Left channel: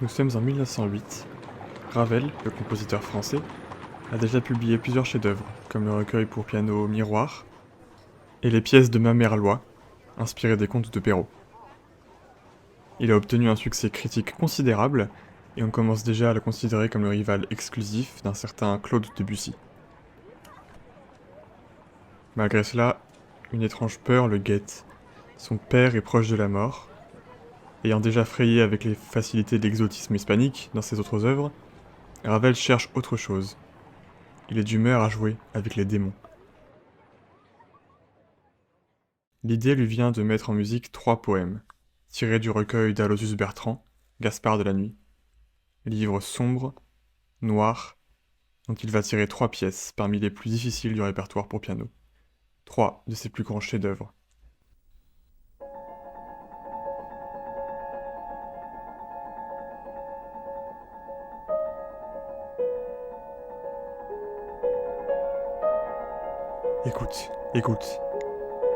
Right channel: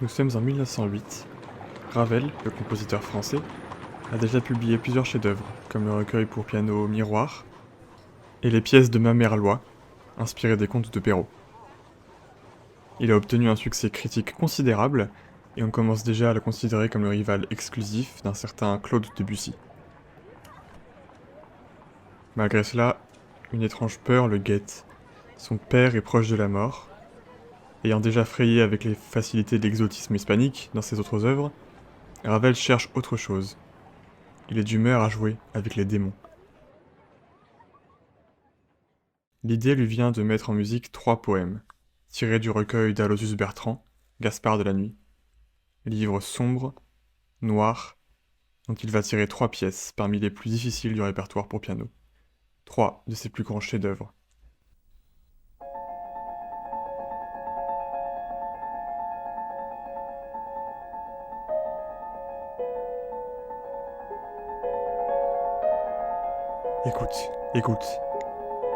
Nous sommes en 1908. Ravel, le compositeur français, a déjà publié plusieurs chefs-d'œuvre, comme le recueil pour piano Miroir et les pièces de Mamerlois, inspirées des contes de Perrault. Il a obtenu un succès critique considérable, et on commence déjà à le considérer comme le rival exclusif d'un certain Claude Debussy. Malgré cela, une étrange peur le guette. Son père est proche de la mort. Ayant déjà frayé avec les facilités de l'exotisme hispanique dans ses autres œuvres, Ravel cherche autre chose. Il est d'humeur à jouer avec les démons. L'idée lui vient de mettre en musique 3 poèmes, tirés du recueil d'Aloysius Bertrand, Gaspard de la Nuit. Livre sombre, noir, dont il va tirer 3 pièces parmi les plus difficiles du répertoire pour piano. 3 de ses plus grands chefs-d'œuvre. Écoute, écoute,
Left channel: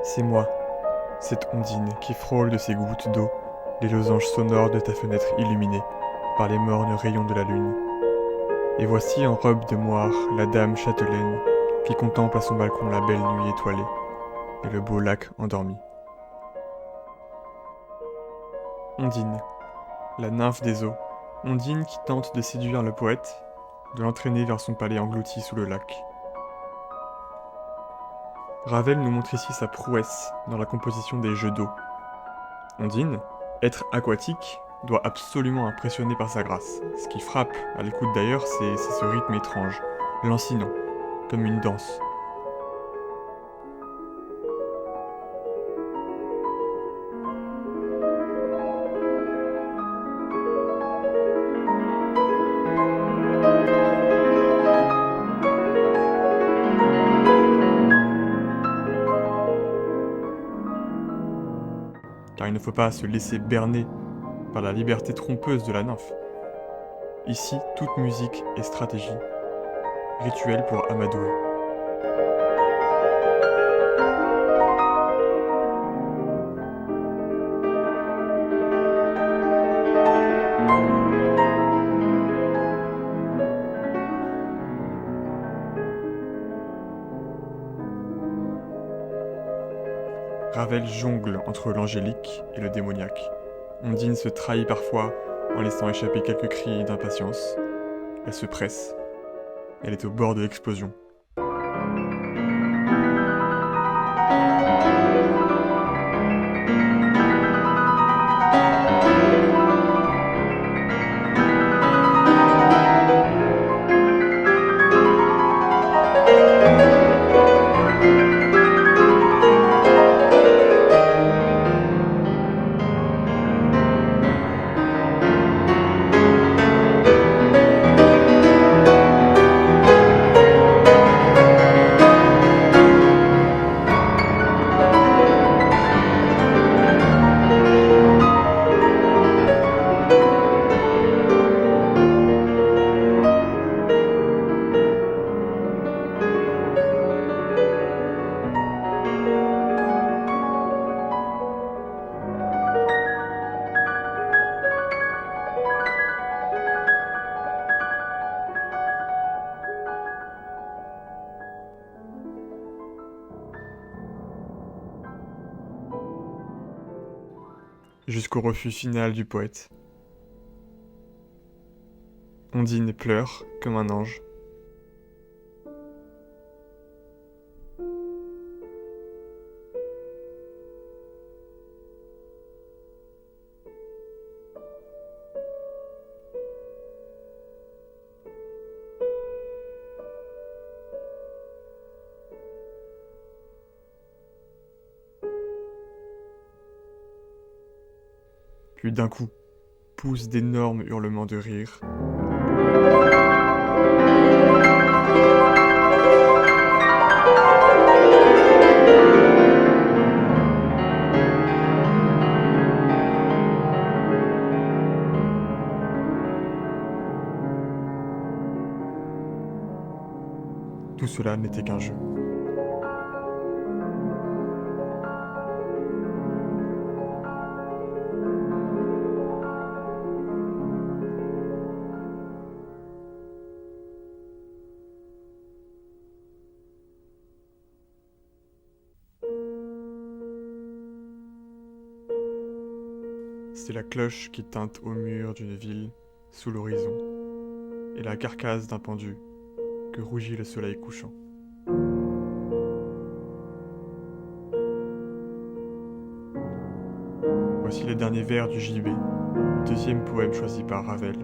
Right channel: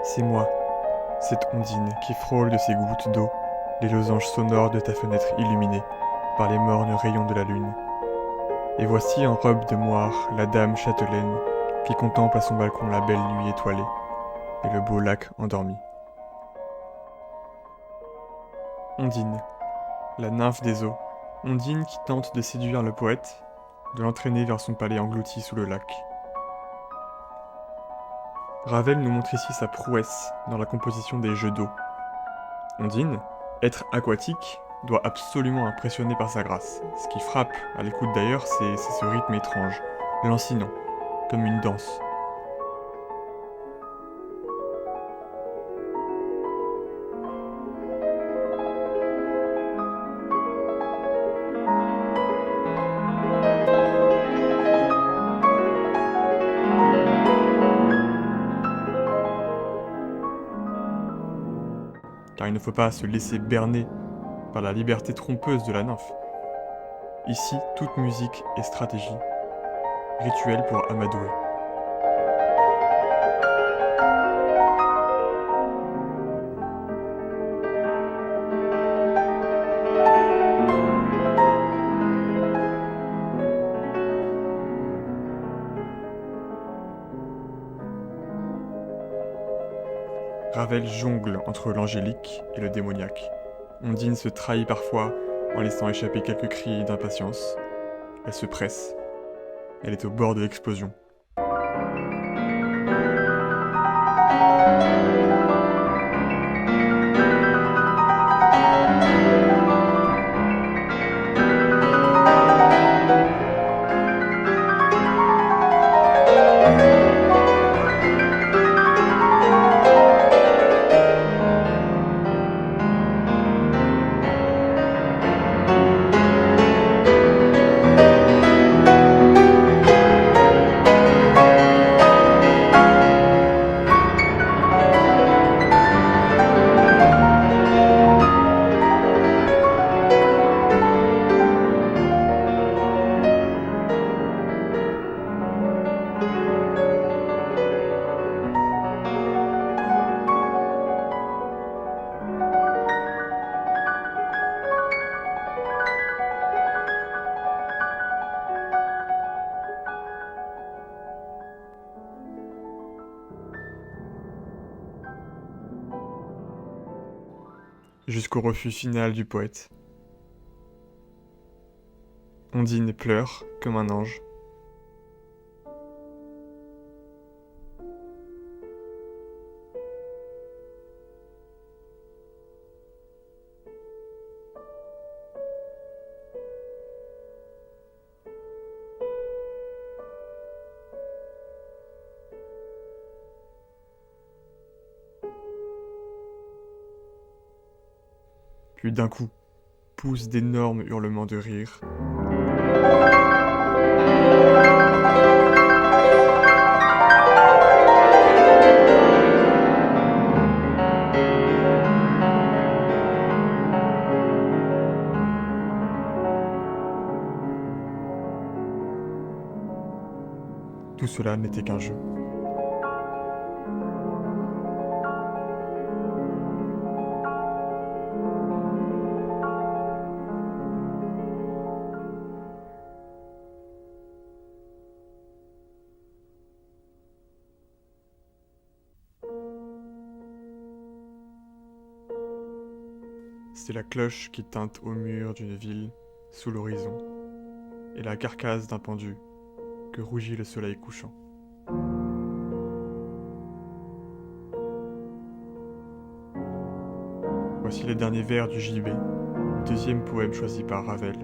c'est moi, cette ondine qui frôle de ses gouttes d'eau les losanges sonores de ta fenêtre illuminée par les mornes rayons de la lune. Et voici en robe de moire la dame châtelaine qui contemple à son balcon la belle nuit étoilée et le beau lac endormi. Ondine, la nymphe des eaux, Ondine qui tente de séduire le poète, de l'entraîner vers son palais englouti sous le lac. Ravel nous montre ici sa prouesse dans la composition des jeux d'eau. Ondine, être aquatique, doit absolument impressionner par sa grâce. Ce qui frappe à l'écoute d'ailleurs, c'est ce rythme étrange, lancinant, comme une danse. Car il ne faut pas se laisser berner par la liberté trompeuse de la nymphe. Ici, toute musique est stratégie, rituel pour amadouer. Ravel jongle entre l'angélique et le démoniaque. Ondine se trahit parfois en laissant échapper quelques cris d'impatience. Elle se presse. Elle est au bord de l'explosion. Jusqu'au refus final du poète. Ondine pleure comme un ange. Puis d'un coup, pousse d'énormes hurlements de rire. Tout cela n'était qu'un jeu. c'est la cloche qui tinte au mur d'une ville sous l'horizon, et la carcasse d'un pendu que rougit le soleil couchant. Voici les derniers vers du JB, deuxième poème choisi par Ravel.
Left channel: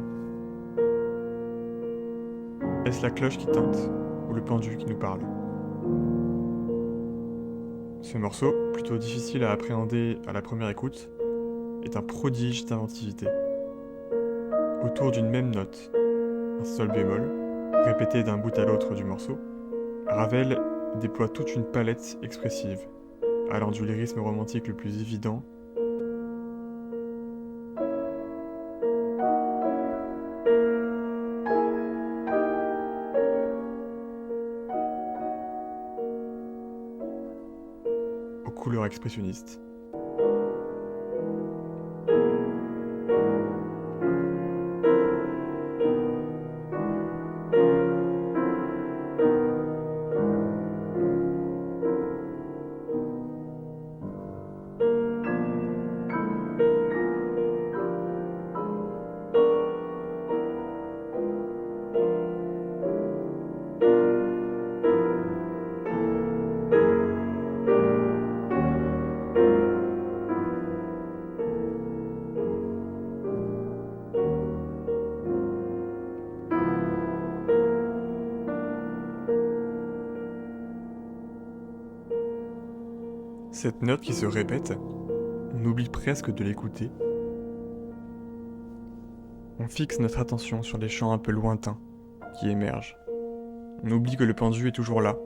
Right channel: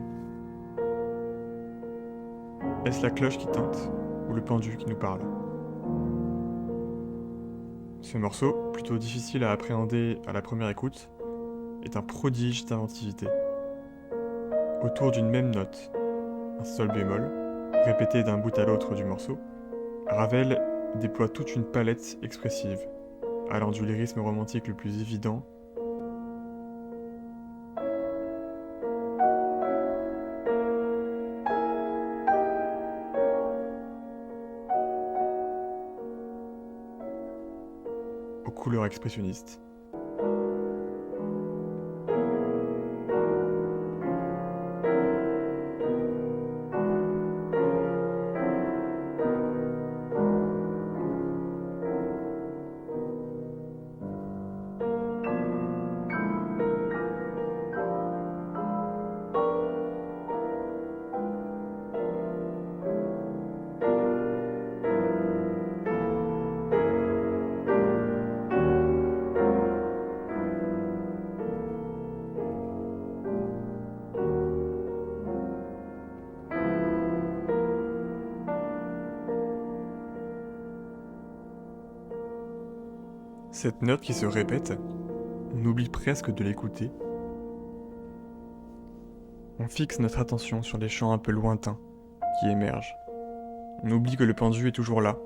Est-ce la cloche qui tinte ou le pendu qui nous parle ? Ce morceau, plutôt difficile à appréhender à la première écoute, est un prodige d'inventivité. Autour d'une même note, un sol bémol, répété d'un bout à l'autre du morceau, Ravel déploie toute une palette expressive, allant du lyrisme romantique le plus évident aux couleurs expressionnistes. Cette note qui se répète, on oublie presque de l'écouter. On fixe notre attention sur les chants un peu lointains qui émergent. On oublie que le pendu est toujours là.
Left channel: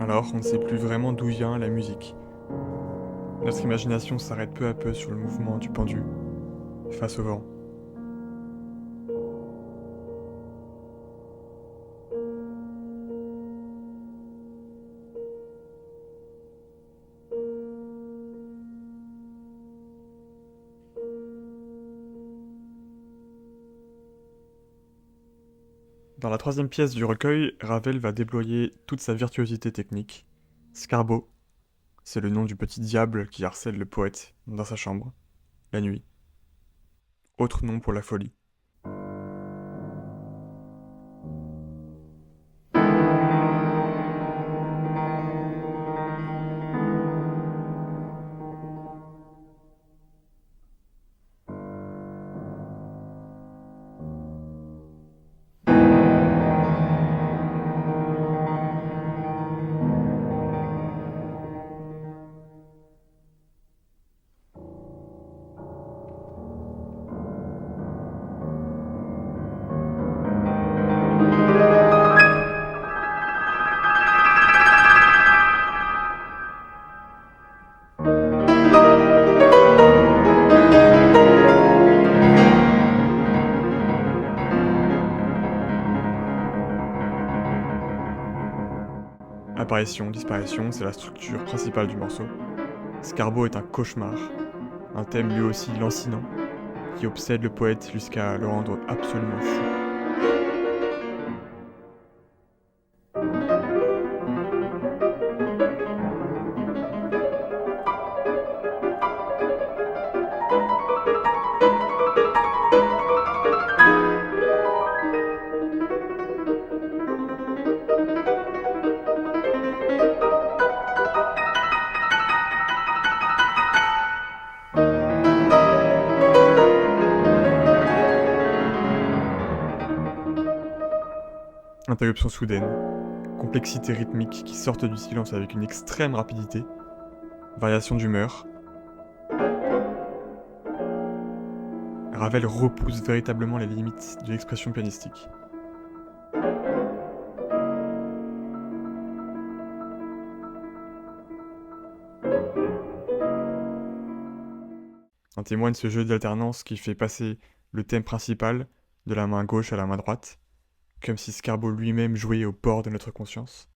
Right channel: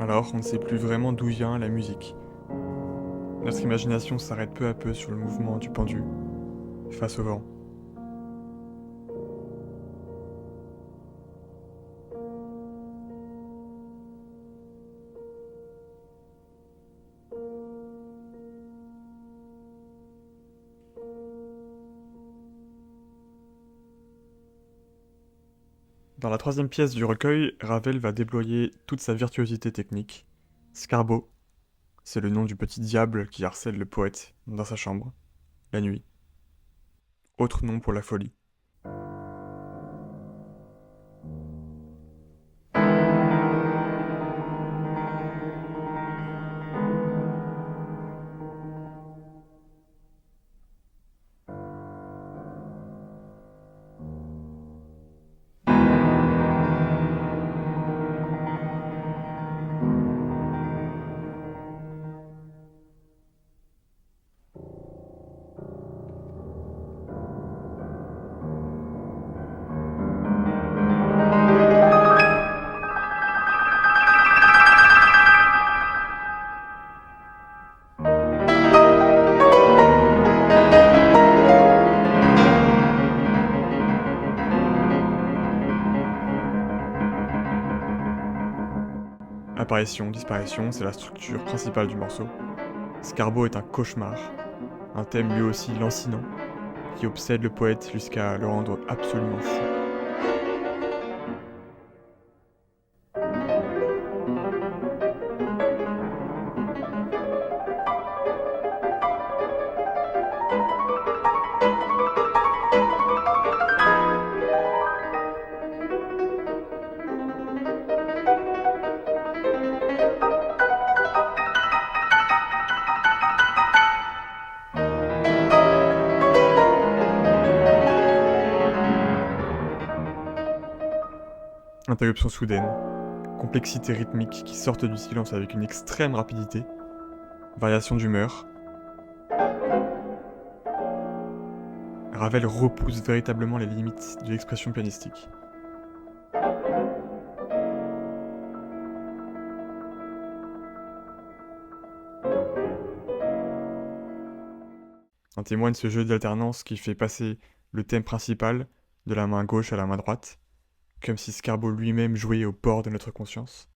Alors on ne sait plus vraiment d'où vient la musique. Notre imagination s'arrête peu à peu sur le mouvement du pendu, face au vent. Dans la troisième pièce du recueil, Ravel va déployer toute sa virtuosité technique. Scarbo, c'est le nom du petit diable qui harcèle le poète dans sa chambre, la nuit. Autre nom pour la folie. Apparition, disparition, c'est la structure principale du morceau. Scarbo est un cauchemar, un thème lui aussi lancinant, qui obsède le poète jusqu'à le rendre absolument fou. Interruption soudaine, complexité rythmique qui sortent du silence avec une extrême rapidité, variation d'humeur. Ravel repousse véritablement les limites de l'expression pianistique. En témoigne ce jeu d'alternance qui fait passer le thème principal de la main gauche à la main droite, comme si Scarbo lui-même jouait au bord de notre conscience.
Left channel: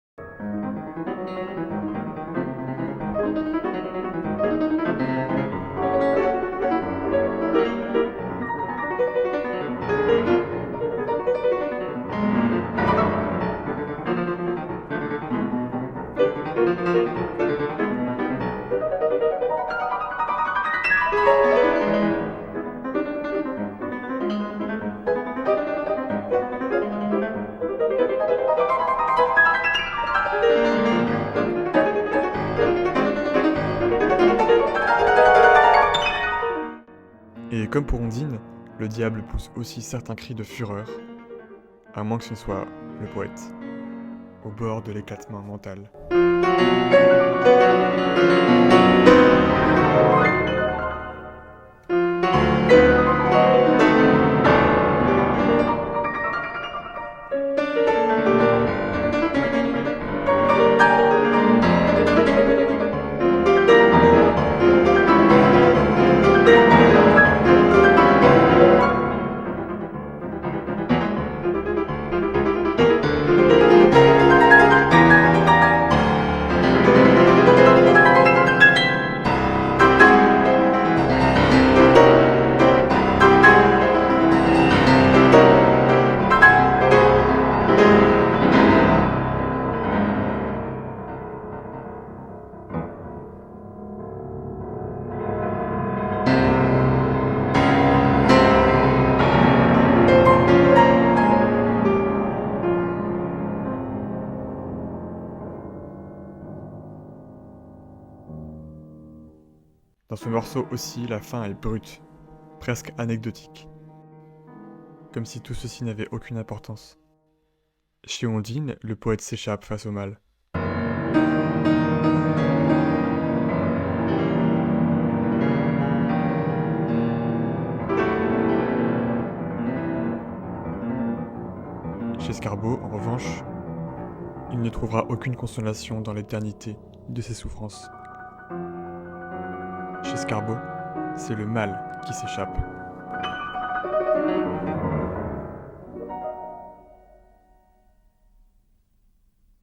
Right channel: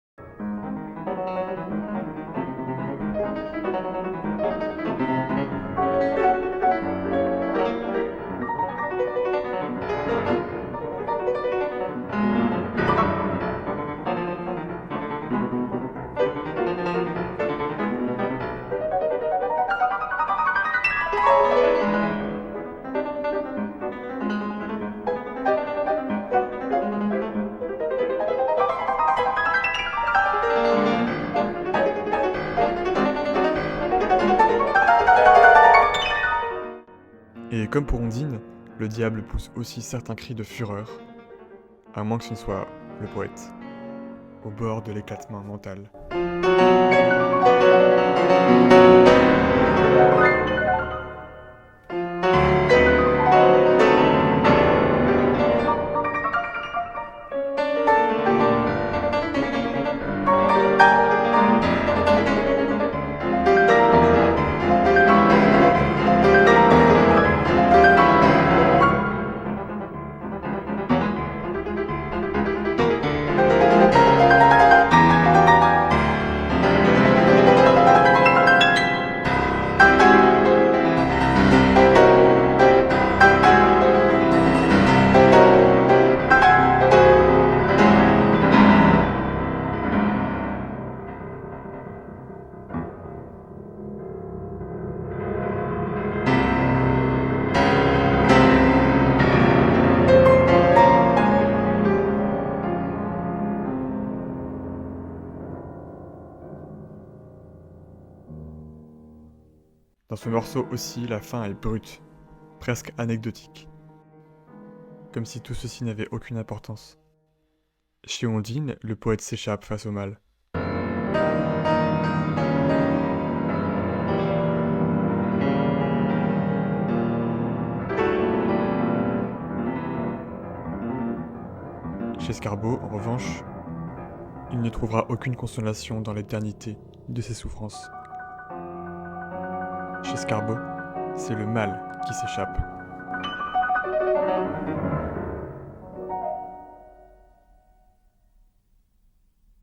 Et comme pour Ondine, le diable pousse aussi certains cris de fureur, à moins que ce ne soit le poète, au bord de l'éclatement mental. Dans ce morceau aussi, la fin est brute, presque anecdotique. Comme si tout ceci n'avait aucune importance. Chez Ondine, le poète s'échappe face au mal. Chez Scarbo, en revanche, il ne trouvera aucune consolation dans l'éternité de ses souffrances. Chez Scarbo, c'est le mal qui s'échappe.